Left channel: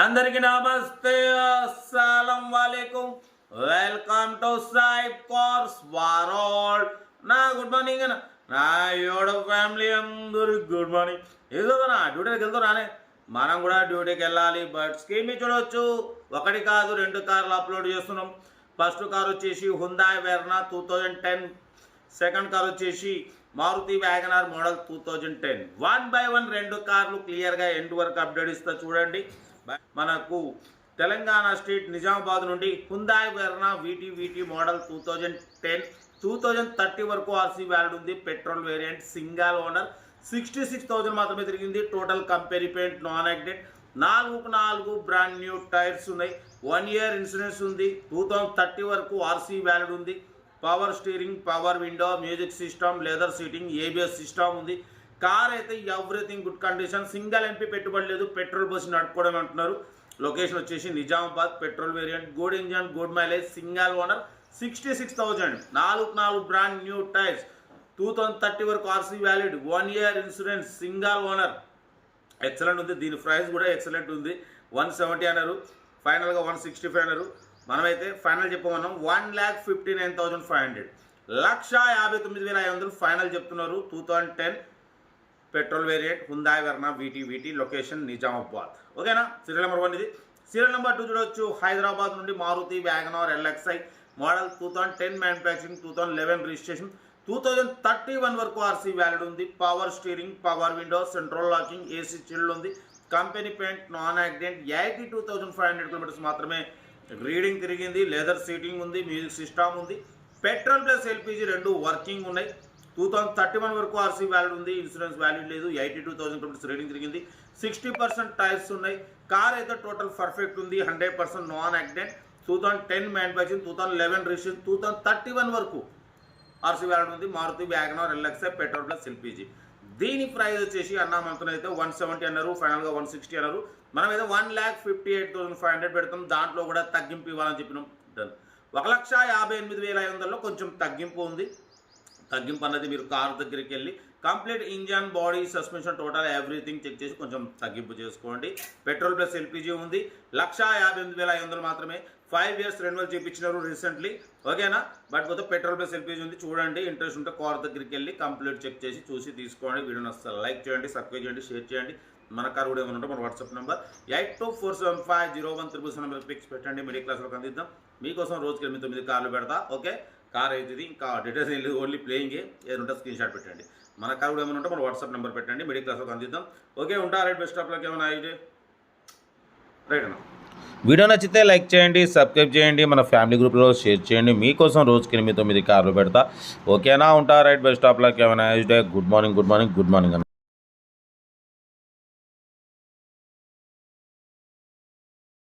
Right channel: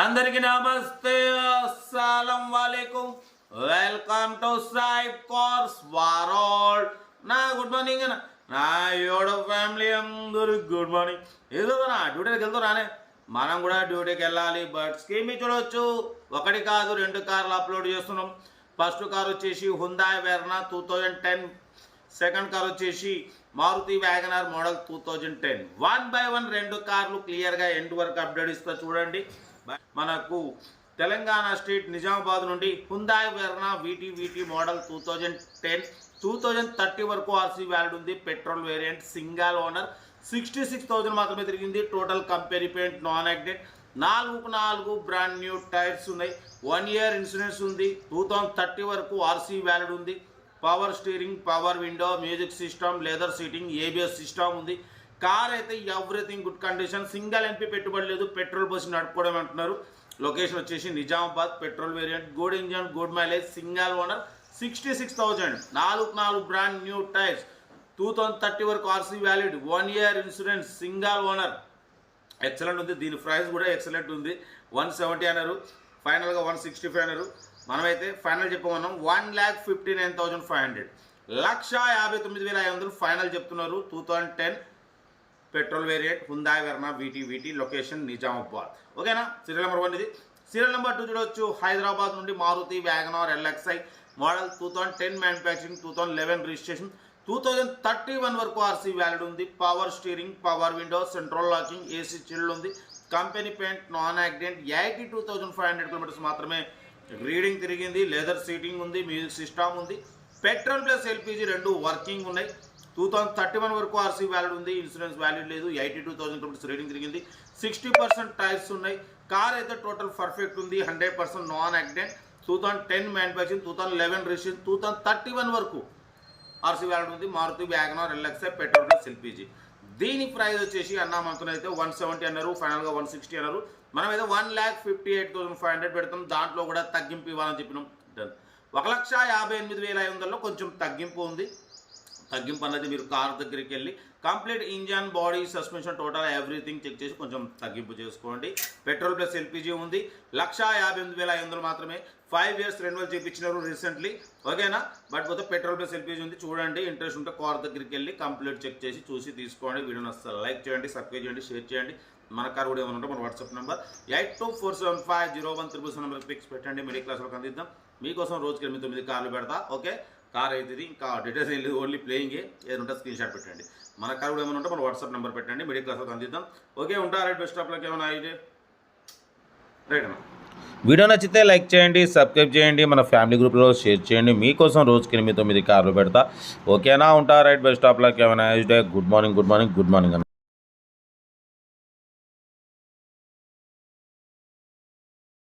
అందరికి నమస్తే, అస్సలం వాలేకుం. Welcome to Saib cars world. నా గుడ్ మార్నింగ్ నా యోడో ఫ్యామిలీ అందరూ గుడ్ మార్నింగ్. ఏదో నా డ్యూటీకి వెళ్తారానే, మనం కూడా డ్యూటీకి వెళ్ళాలి. బట్ స్కీమ్ చూడవచ్చు, ఒకటి కాదు రెండు కార్లు అప్లోడ్ చేస్తున్నాం. ఫస్ట్ కార్ వచ్చేసి హుందాయ్ వెర్నా 2010, సెకండ్ కార్ వచ్చేసి మారుతి వ్యాగనార్ మోడల్ 2010. 1 by 1 రెండు కార్లు క్లియర్గా ఎండ్ వరకు అప్డేట్ ఇస్తా చూడండి. మనకు తెలంగాణ స్టేట్ నిజామాబాద్ నుండి హుందాయ్ వెర్నా వీటీ మోడల్ 2010, 2030 వరకు ఆర్సీ వ్యాలిడ్ ఉంది. పెట్రోల్ వేరియంట్, సింగల్ ఓనర్, 66,000 మాత్రమే తిరిగింది. Total company paint, non accident, 4 brand new tyres ఉన్నాయి. 1 year ఇన్సూరెన్స్ ఉంది. 2030 వరకు ఆర్సీ వ్యాలిడ్ ఉంది. Power steering, power window, music system, leather seating, ABS system ఉంది. కార్ అయితే everything good condition. Single MP పెట్టుబడి లేదు. పెట్రోల్ బస్సు నడుపుకోవడం అంటున్నారు. లొకేషన్ వచ్చేసి Nizamabad. Petrol variant, good engine, good mileage, single owner, 66,000. 4 brand new tyres, 2030 వరకు RC valid, 1 year insurance, single owner. Excellent ఉంది. దీని price కూడా ఎక్సలెంట్ ఉంది. 170 అన్నారు, ఫైనల్గా 165 అన్నారు. మనమైతే ఫైనల్ చెప్పమన్నాం 1,59,500, 1,59,500 ఫైనల్ చెప్తున్నారు. 2010 petrol variant, Hyundai Verna VT, location Nizamabad. ఓకేనా. సీరియల్ నెంబర్ 1 ఇది. సీరియల్ నెంబర్ 2 చూడవచ్చు. హైదరాబాద్ నుండి Maruti WagonR LXi model 2010 manufacturing, 2011 registration, 2031 వరకు ఆర్సీ వ్యాలిడ్ ఉంది. Power steering, power window, central locking, AC chilled ఉంది. Company paint, non accident, 82,500 kilometres మాత్రమే reading తిరిగింది. Leather seating ఉంది, మ్యూజిక్ సిస్టమ్ ఉంది. పెట్రోల్ ప్లస్ ఎల్పిజి రెండు వర్కింగ్ ఉన్నాయి. 2031 వరకు ఆర్సీ వ్యాలిడ్ ఉంది. ఇన్సూరెన్స్ వ్యాలిడ్ లేదు. 82,000 కిలోమీటర్స్ రీడింగ్ తిరిగింది. 60% టైర్స్ ఉన్నాయి. కార్ అయితే టోటల్ పర్ఫెక్ట్ ఉంది. 100% నాన్ యాక్సిడెంట్. 2010 మ్యానుఫ్యాక్చరింగ్, 2011 రిజిస్ట్రేషన్, 2031 వరకు ఆర్సీ వ్యాలిడ్ ఉంది. Maruti WagonR LXi petrol plus LPG. దీని ప్రైస్ వచ్చేసి అయితే 170 అన్నారు, ఫైనల్గా 160 అన్నారు. మనం అయితే 1,58,500 పెడతాం. దాంట్లో కూడా తగ్గింపు ఇవ్వాలని చెప్పినాం. డన్. 1,58,500లో కొంచెం తగ్గింపు ఉంది. తగ్గింపు అన్నది మీరు కారు దగ్గరికి వెళ్ళి complete engine, body, suspension, total everything check చేసి కొంచెం తగ్గింపు చేసుకోండి. పెట్రోల్ ప్లస్ ఎల్పిజి ఉంది. 1,58,500 మాత్రమే. 5 years రెన్యువల్ చేయించినారు రీసెంట్లీ. ఓకేనా. బట్ పోతే పెట్రోల్ ప్లస్ ఎల్పిజి ఉంది. చూడండి, ఇంట్రెస్ట్ ఉంటే కార్ దగ్గరికి వెళ్ళి కంప్లీట్ చెక్ చేసి చూసి తీసుకోండి. వీడియోని అసలు లైక్ చేయండి, సబ్స్క్రైబ్ చేయండి, షేర్ చేయండి. మన కార్ కూడా ఏమైనా ఉంటే మన వాట్సాప్ నెంబర్ 82475017 నెంబర్ పిక్స్ పెట్టండి. మిడిల్ క్లాస్లోకి అందిద్దాం. మీకోసం రోజుకి 8-9 కార్లు పెడతా. ఓకే. కార్ అయితే ఇంకా డీటెయిల్స్ ఓన్లీ ప్లేయింగే. ఏదంటే స్క్రీన్ షాట్ పెట్టండి. మన కార్ కూడా ఏమైనా ఉంటే మన వాట్సాప్ నెంబర్ పెట్టండి. మిడిల్ క్లాస్లోకి అందిద్దాం. ఓకే. ఉంటా. రైట్. బెస్ట్ ఆఫ్లోకి ఏమైనా అయితే రైట్ అన్న. వీడియో నచ్చితే లైక్ చేయండి, సబ్స్క్రైబ్ చేయండి, మన ఫ్యామిలీ గ్రూప్లో షేర్ చేయండి. మీకోసం రోజుకి 8-9 కార్లు పెడతా. ఓకేనా. ఉంటా. రైట్. బెస్ట్ ఆఫ్లోకి ఏమైనా డే. గుడ్ మార్నింగ్ అన్న.